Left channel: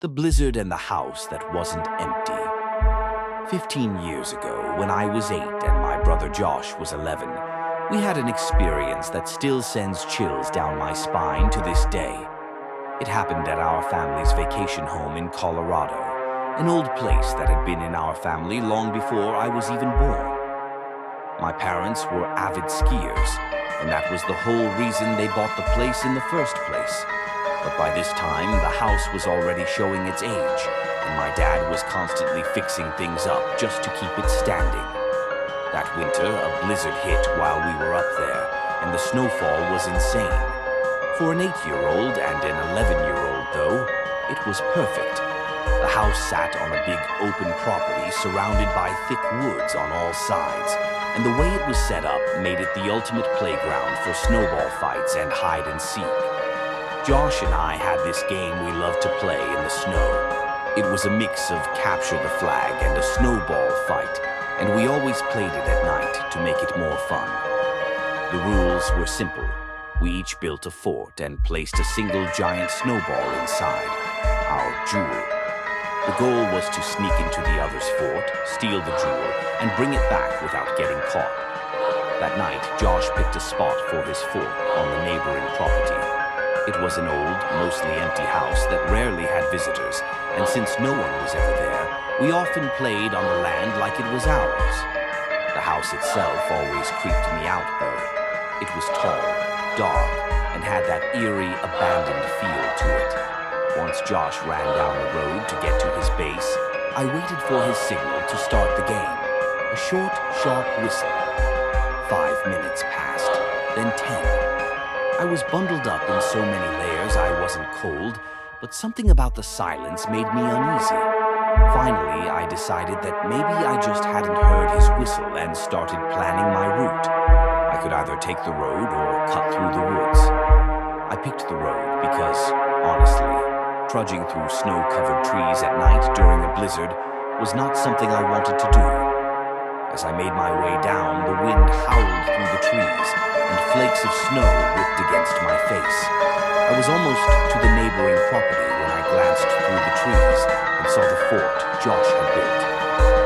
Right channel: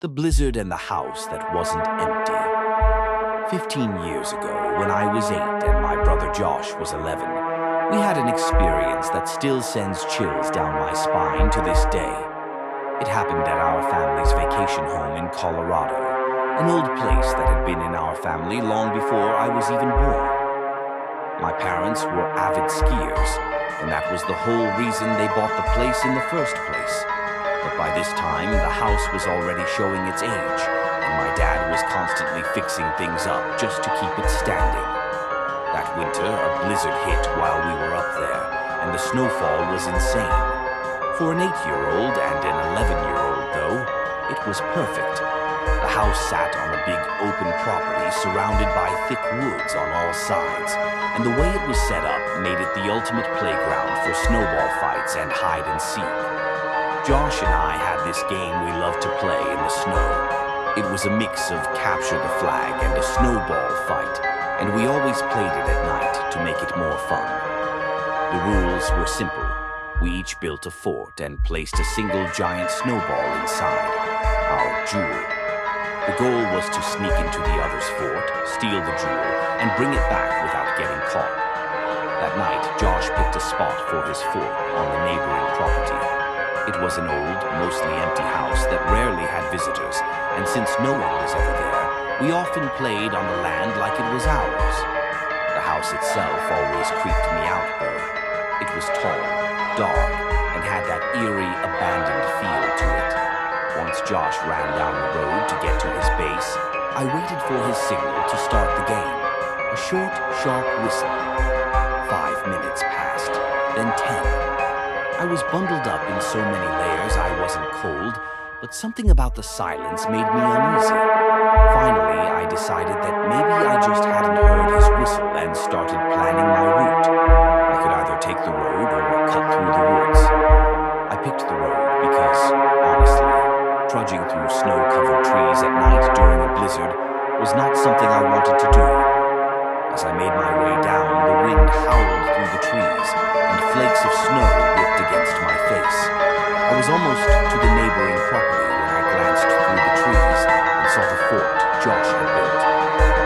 The blizzard and the house that wasn't empty. 15 years ago, when I was 8 and my brother Josh was 11, we had an experience that still sends chills down my spine to this day. It happened at our family's vacation home in Colorado, an old place that had been in our family long before I was even born. My parents were avid skiers, and that was the whole reason they bought the place in the first place. But by this time, the house was already showing its age, and my dad was constantly fixing things up just to keep it standing. That winter, a blizzard hit while we were up there, and the snowfall was insane. For an 8-year-old and an 11-year-old, though, it was perfect. The house sat on a big open property surrounded by thick woods on all sides, and the way it was set up made it the ultimate playground for snowball fights and hide and seek. Josh and I had this game we loved to play in the snow. It was a mix of capture the flag and a snowball fight, and we always played it at night to make it more fun. The rules were simple. We each built a fort and placed a single giant snowball inside, our jewel. The goal was to sneak into the other's fort, steal the jewel, and bring it back without getting caught. That night, Josh picked a spot for his fort on the neighboring property. It was an old, mostly empty house that rarely had visitors, and since no one was ever there, we often played on the land like it was ours. The house itself always creeped me out, though. It was tall, dark, and had that eerie, abandoned feel to it. Once Josh ran down the road to get to his base, I waited for his signal to start the game. A short, sharp whistle. 5 minutes passed, then 10. I was bundled up in so many layers I wasn't cold, but something about the silence made me uneasy. Finally, I decided that maybe I just hadn't heard his whistle and started planning my route. I could either take the road or cut through the woods. I picked the road because, honestly, trudging through snow-covered trees at night during a blizzard was not something I wanted to do. As I made my way down, the wind howled through the trees, and flakes of snow whipped against my face. I was almost to the neighboring property when I glanced through the trees and saw the fort Josh had built.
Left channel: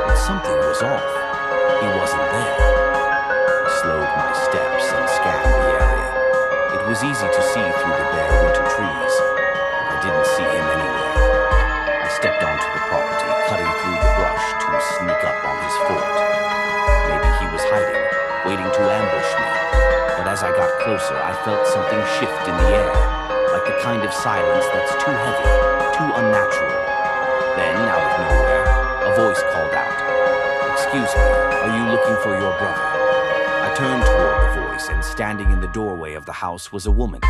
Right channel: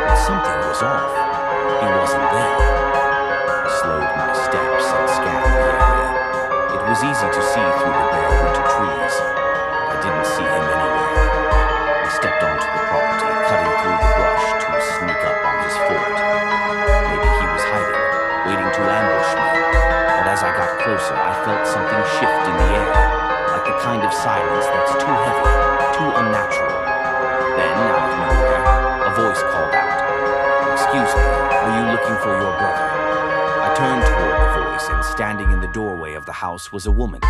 But something was off. He wasn't there. I slowed my steps and scanned the area. It was easy to see through the bare winter trees, but I didn't see him anywhere. I stepped onto the property, cutting through the brush to sneak up on his fort. Maybe he was hiding, waiting to ambush me. But as I got closer, I felt something shift in the air, like the kind of silence that's too heavy, too unnatural. Then, out of nowhere, a voice called out, "Excuse me, are you looking for your brother?" I turned toward the voice, and standing in the doorway of the house was a woman.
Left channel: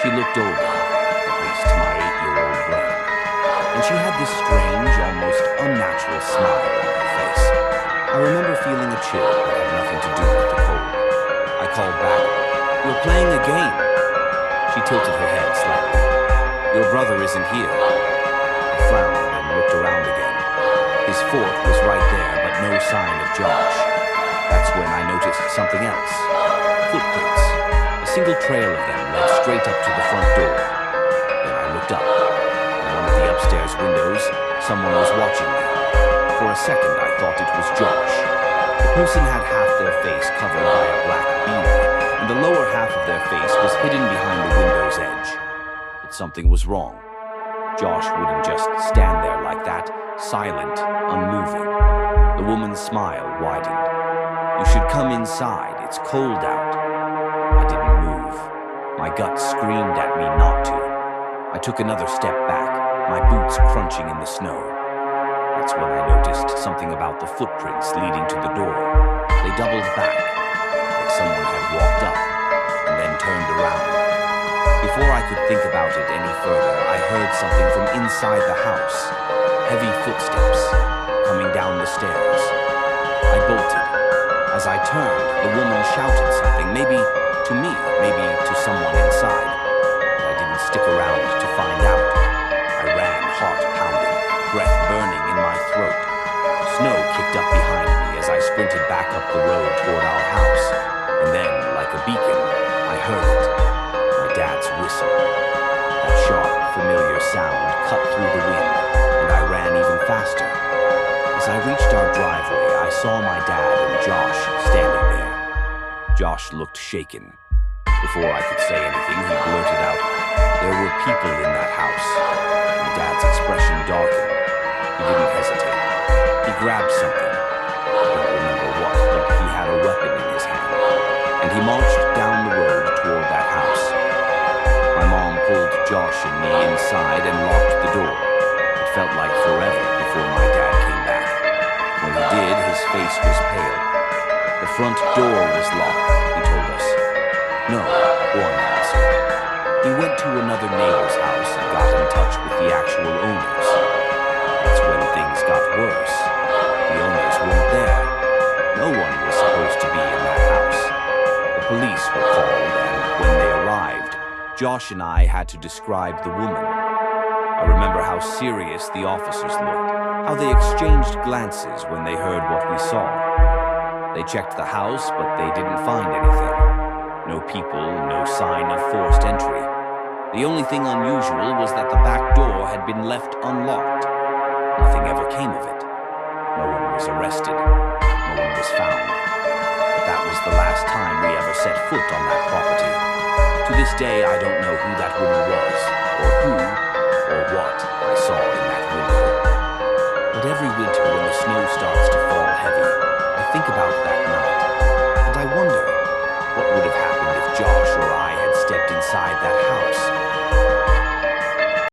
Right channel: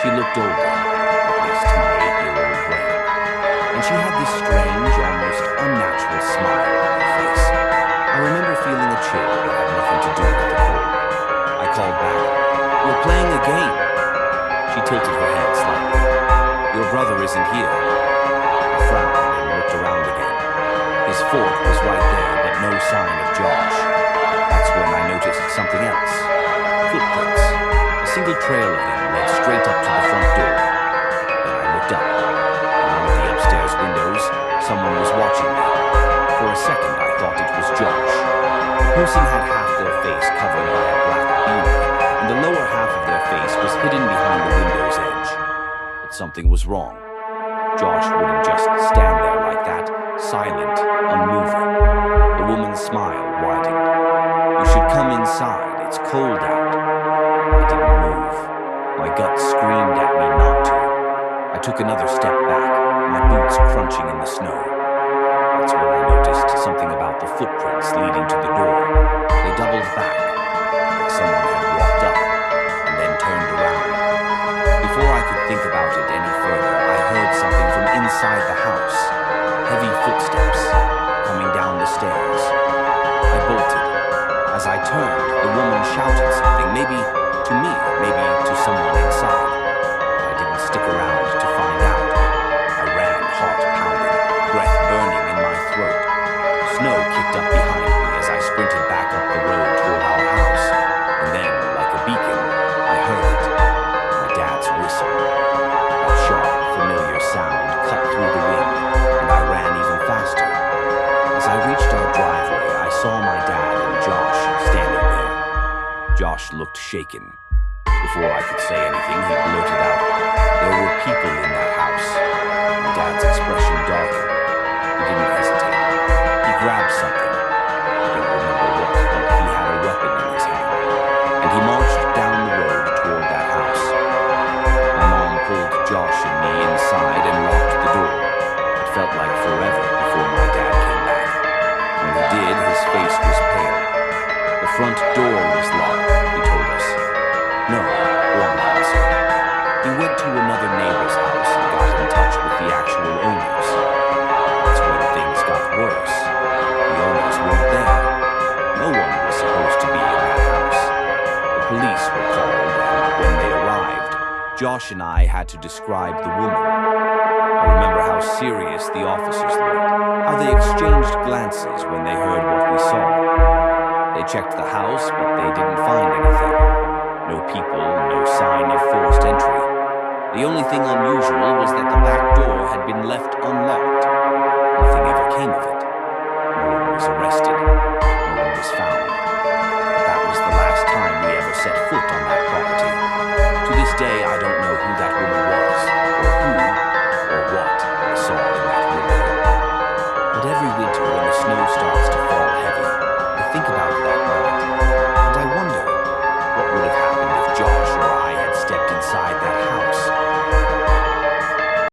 She looked older, at least to my 8-year-old brain, and she had this strange, almost unnatural smile on her face. I remember feeling a chill that had nothing to do with the cold. I called back, "We're playing a game." She tilted her head slightly. "Your brother isn't here." I frowned and looked around again. His fort was right there, but no sign of Josh. That's when I noticed something else. Footprints. A single trail of them led straight up to the front door. Then I looked up. In one of the upstairs windows, someone was watching me. For a second, I thought it was Josh. The person had half their face covered by a black beanie, and the lower half of their face was hidden behind the window's edge. But something was wrong. Josh wouldn't just stand there like that, silent, unmoving. The woman's smile widened. "You should come inside. It's cold out." I didn't move. My gut screamed at me not to. I took another step back, my boots crunching in the snow. That's when I noticed something about the footprints leading to the door. They doubled back, like someone had walked up, and then turned around. Before I could think about it any further, I heard something from inside the house. Heavy footsteps, coming down the stairs. I bolted. As I turned, the woman shouted something, maybe to me, maybe to someone inside. But I didn't stick around to find out. I ran, heart pounding, breath burning in my throat. Snow kicked up behind me as I sprinted back up the road toward our house. And then, like a beacon, I heard it. My dad's whistle. That sharp, familiar sound cut through the wind. faster. As I reached our driveway, I saw my dad and Josh standing there. Josh looked shaken. Before I could say anything, he blurted out, "There were people in that house." My dad's expression darkened. He didn't hesitate. He grabbed something. I don't remember what, but he had a weapon in his hand. And he marched down the road toward that house. My mom pulled Josh and me inside and locked the door. It felt like forever before my dad came back. When he did, his face was pale. "The front door was locked," he told us. "No," one answered. He went to another neighbor's house and got in touch with the actual owners. That's when things got worse. The owners weren't there. No one was supposed to be in that house. The police were called, and when they arrived, Josh and I had to describe the woman. I remember how serious the officers looked, how they exchanged glances when they heard what we saw. They checked the house, but they didn't find anything. No people, no sign of forced entry. The only thing unusual was that the back door had been left unlocked. Nothing ever came of it. No one was arrested. No one was found. But that was the last time we ever set foot on that property. To this day, I don't know who that woman was, or who, or what I saw in that window. But every winter when the snow starts to fall heavy, I think about that night, and I wonder what would have happened if Josh or I had stepped inside that house.